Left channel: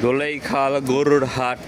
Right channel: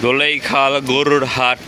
দোলেইখাল গরুর হাট।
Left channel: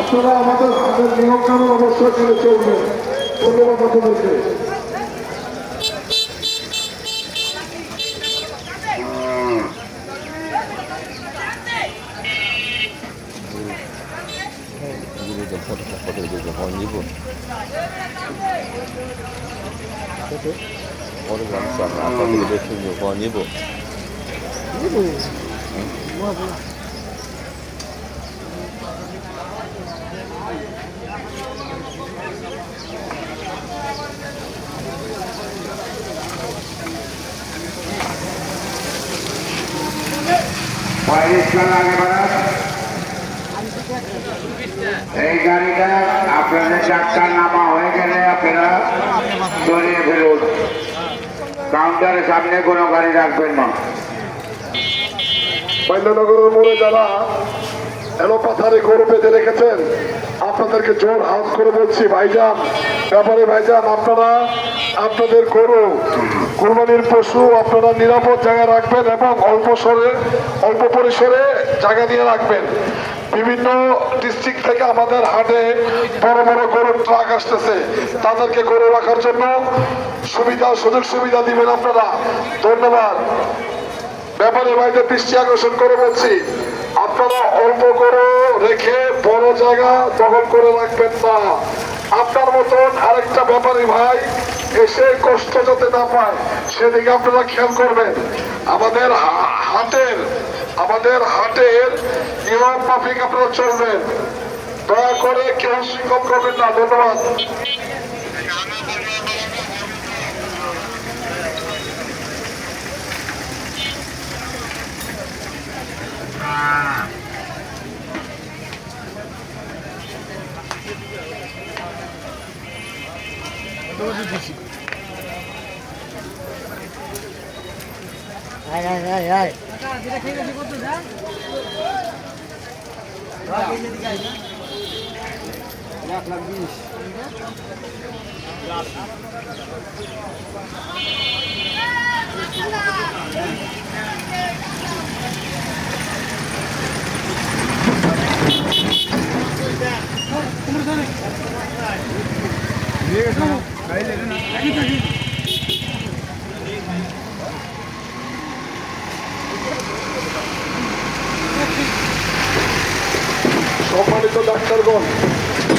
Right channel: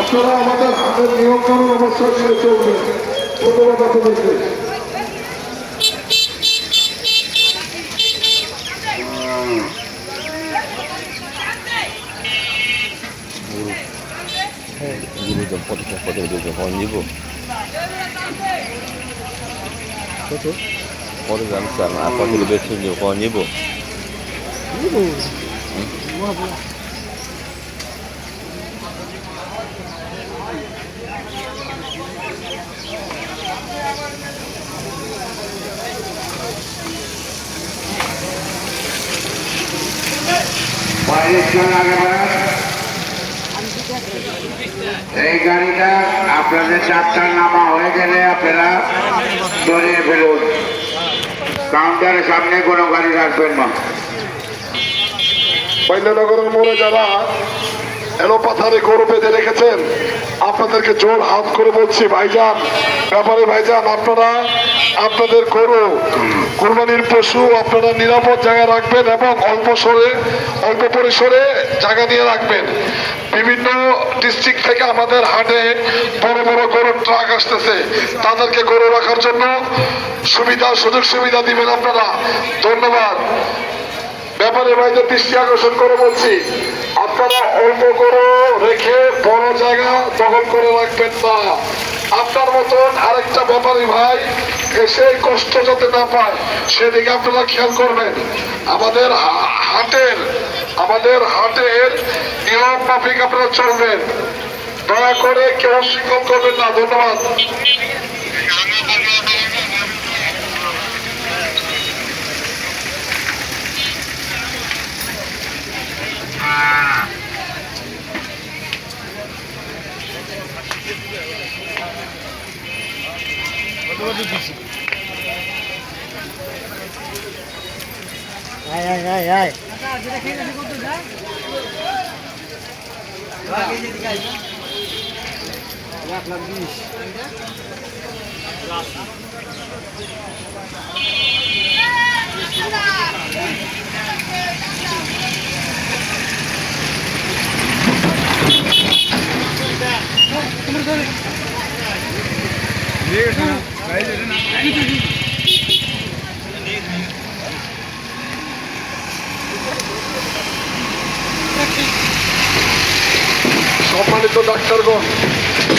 আপনারা আমাদের হাতের নিয়ম কানুন অবশ্যই করে চলবেন। ধন্যবাদ আপনাদেরকে। পরে জানতাম আপনাদের বেছে নিব এই গাড়িটা আপনাদের যাত্রার নামা হয়ে গেলে আপনারা সরিয়ে ফেলুন। কাউন্টারের সামনে কোনো গাড়ি রাখবেন না। মৈন্যনগরের মোড়ে যারা এলোপাথারে গরু বেঁধে রেখেছেন, আপনাদেরকে জোর হাত করে বলছি ভাইজান, ব্যাপারে ভাইজান, আপনারা আপনাদের গরু কুরবানির পশু আপনারা নিরাপদ জায়গায় রাখবেন এবং অল্প পরিসরে জায়গা নিয়ে রাখবেন। বিভিন্ন ডিস্ট্রিক্ট থেকে আমাদের হাটে বড় বড় গরুর ট্রাক আসতেছে, তাদেরকে গরু রাখার জন্য সুযোগ সুবিধা দিবেন আপনারা। ধন্যবাদ। ব্যাপারে ভাইদের দৃষ্টি আকর্ষণ করে বলছি, আপনারা অল্প গরু রেখে বড় জায়গা দখল করে রাখবেন না। আপনার মতন আরেকটা ব্যাপারী ভাই এসে কষ্ট যাতে না পায় সেদিকে আপনারা খেয়াল করবেন। আমাদের হাটের নিয়ম মাফিক আপনারা চলবেন। দয়া করে কেউ শিকল করবেন না। ধন্যবাদ।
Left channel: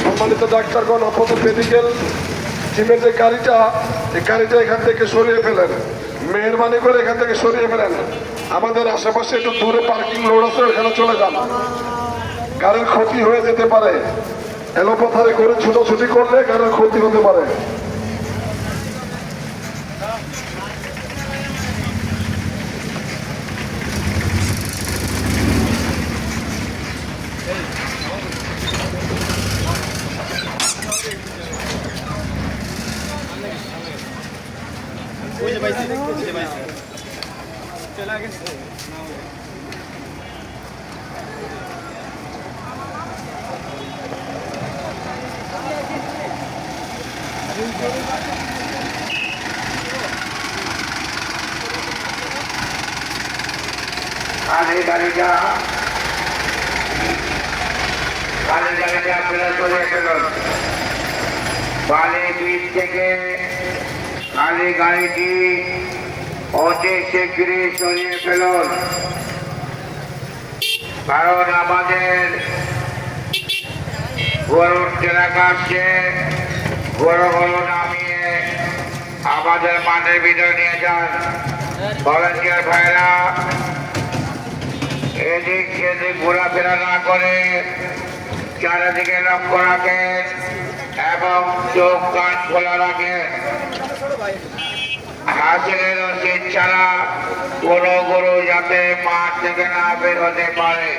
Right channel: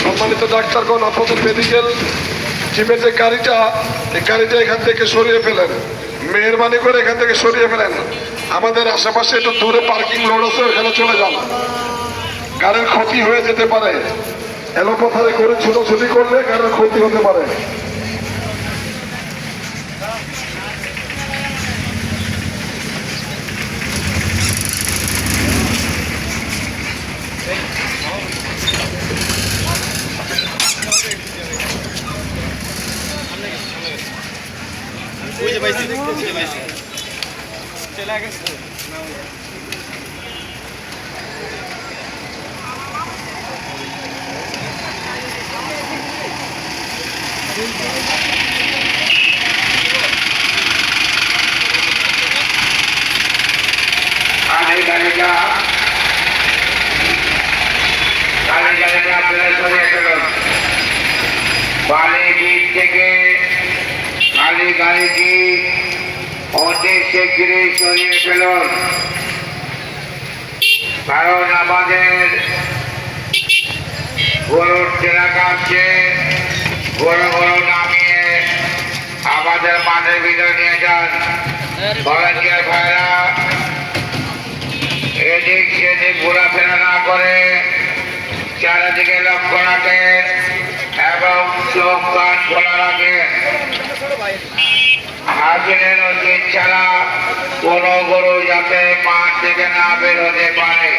সম্মানিত ডাক্তারগণ, আপনাদের মেডিকেল টিমের যে গাড়িটা এখান থেকে সরিয়ে ফেলেন, মেহরবানি করে এখান থেকে সরিয়ে ফেলেন। আমাদের আশেপাশে একটু দূরে পার্কিং লোড আছে, ওখানে চলে যান। গাড়ির ক্ষতি হয়ে যেতে পারে। এলোপাথারে করে ছোটাছুটি করলে গাড়ির ক্ষতি হতে পারে। আর এই গাড়িটা আপনারা সরিয়ে ফেলুন। বালি বীজ থেকে খালি গাড়িটি অতি শীঘ্রই সরিয়ে ফেলুন, কারণ আমাদের গরুর চেনা কাটছে। গরু নামিয়ে আমাদের মাঠের ভিতরে নিয়ে যান। ভলান্টিয়ার ভাইরা এদিক সেদিক ঘোরাফেরা না করে চারিদিকে লক্ষ্য রাখেন এবং চোখ কান খোলা রাখেন। হাসিনের রসিদ ছাড়া কোনো গরু যাতে মাঠ থেকে না বের হতে পারে।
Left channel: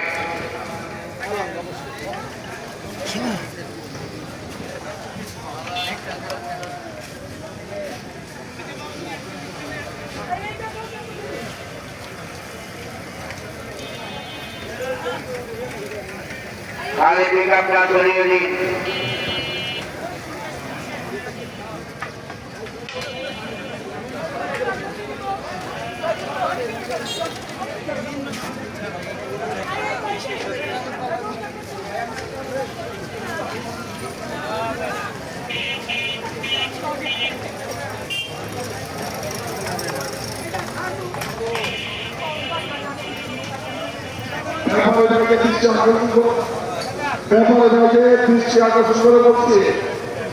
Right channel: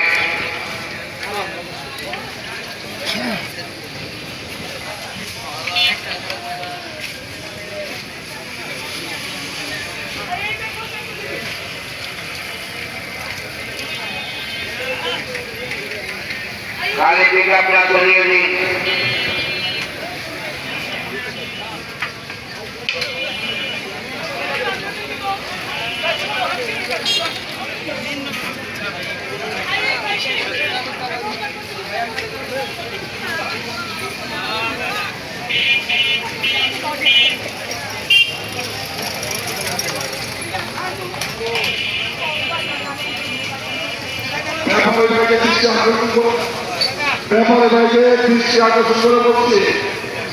খালি দিকে আপনারা চলিয়ে দিন। দৃষ্টি আকর্ষণ করে বলছি,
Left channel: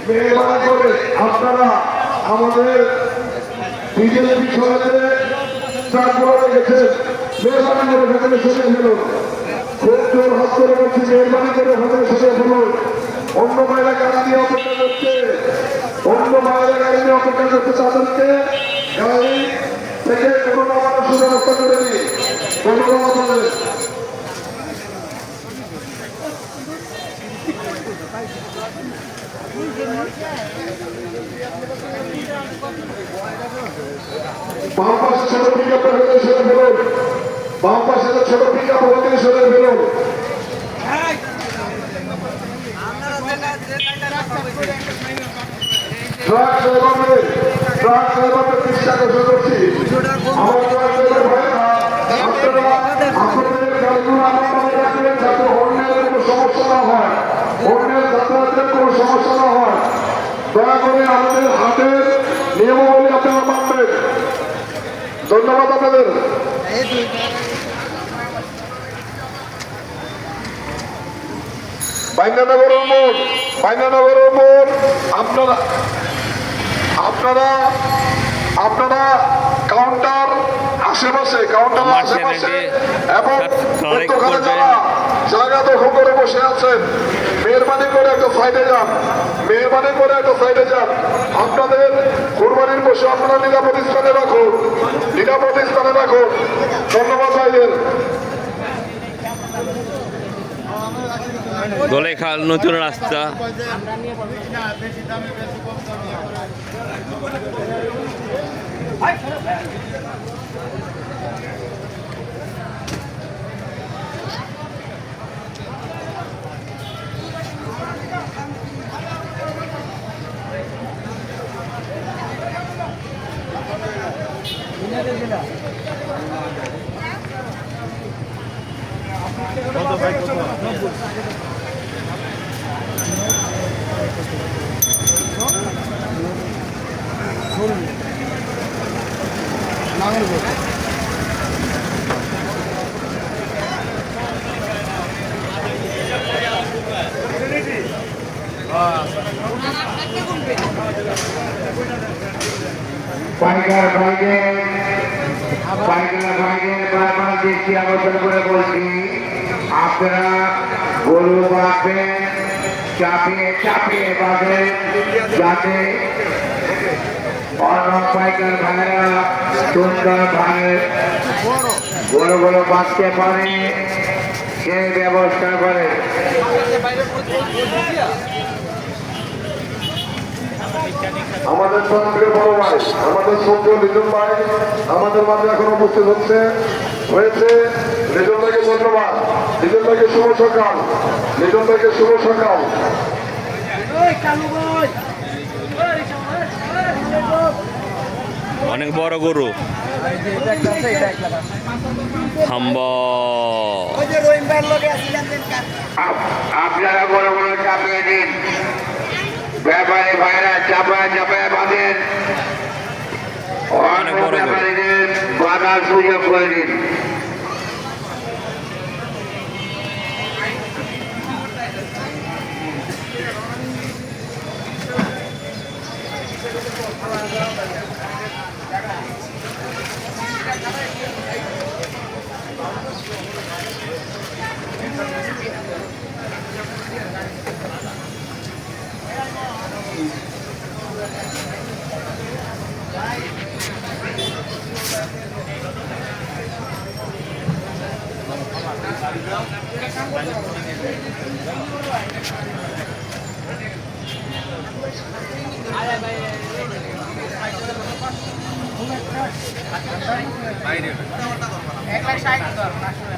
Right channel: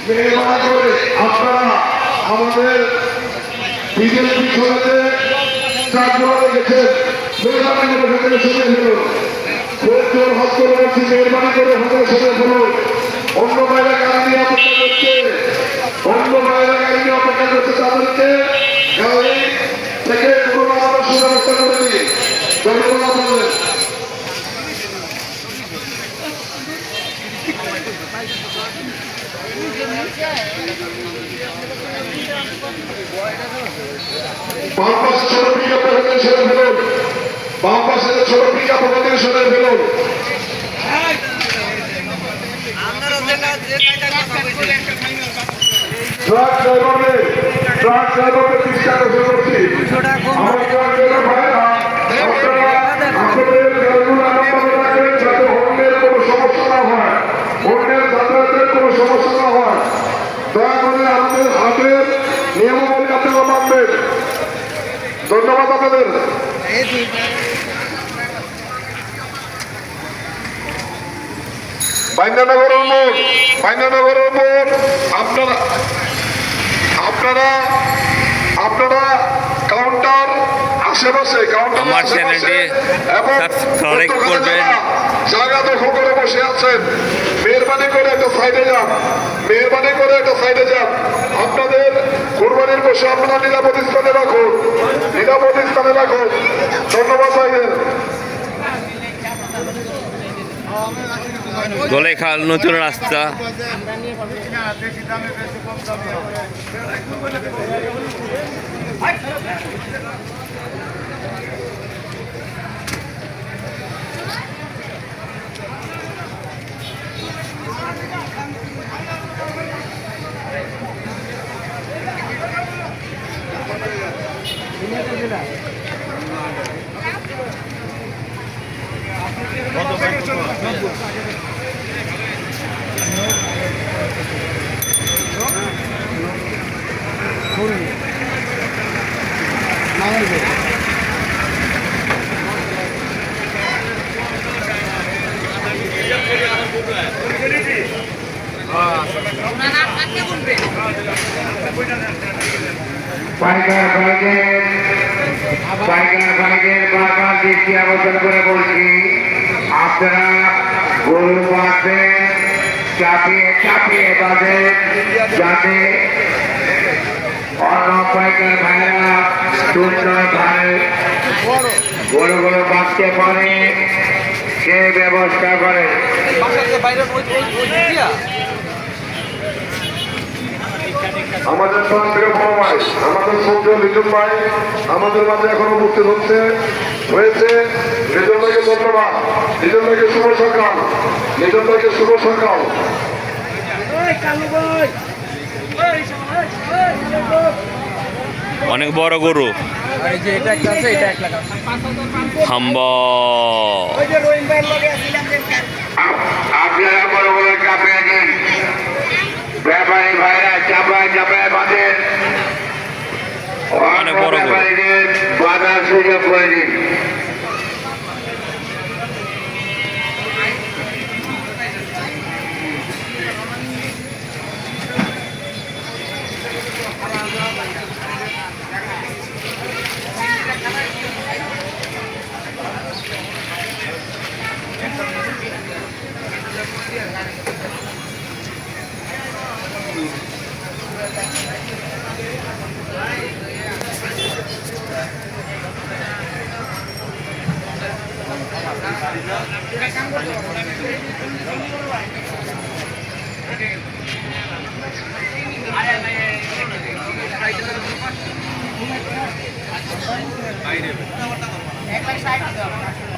মেহরবানি করে আপনারা আমাদের বিজেল পিছনেতে ট্রাকগুলো রেখেছেন, মেহরবানি করে ভেতরে সরিয়ে ফেলুন। খুব জোর হাত করে বলছি, মেহরবানি করে ভেতরে সরিয়ে ফেলুন। অন্য বাইরে গাড়ি নিয়ে অপেক্ষা করছে, তাদেরকে গাড়ি থেকে কোনো নামানোর সুব্যবস্থা করে দিই। ধন্যবাদ আপনাদের। বাম পাশে ছোট পিকআপ সরে ফেলুন, বাম পাশে ছোট পিকআপ সরে ফেলুন। ট্রাক ড্রাইভারকে দৃষ্টি আকর্ষণ করছি, আমার ট্রাক ড্রাইভার ভাইরা আপনাদের গাড়িগুলো এমনভাবে রাখবেন যাতে অন্যের কোনো সমস্যা না হয়, অন্যের যাতায়াতের কোনো সমস্যা না হয়। দয়া করে আমাদের হাটের নিয়মাবলী আপনারা মানবেন। ধন্যবাদ আপনাদের। বাইন্দানগরের মোড় আপনারা কাউন্টার আশেপাশে কাউন্টার জায়গা দখল করে বসে আছেন, মেহরবানি করে একটা সাইডে যান। আপনাদের কোরবানির পশু আপনারা নিরাপদ স্থানে রাখুন। ধন্যবাদ ভাইদের। দোলেখাল নতুন রাস্তা। পাইকার ভাইদের বারবার দৃষ্টি আকর্ষণ করে বলছি, আপনারা গরু বাঁধবেন, চাপিয়ে বাঁধেন, যাতে অন্য পাইকার ভাইরা সুন্দরভাবে গরুগুলো বাঁধতে পারে সে ব্যবস্থা করে। আমাদের প্রাণপ্রিয় বড় ভাই, আমাদের শ্রদ্ধেয় লিটন ভাই আমাদের মাঝে এখন উপস্থিত হয়েছে। লিটন ভাইকে ধন্যবাদ। লিটন ভাইকে শুভ সকাল। লিটন ভাইকে শুভ সকাল। অনেক বড় গরু হাম্বা। আপনারা বড় বড় চাপে দিন, ব্যাপারী ভাইরা চাপায় চাপায় বাঁধেন, অনেক বড় গরু। ব্যাপারীদের বাধার সুযোগ করে দিন।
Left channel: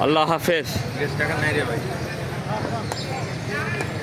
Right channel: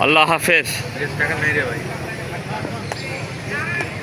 আল্লাহ হাফেজ।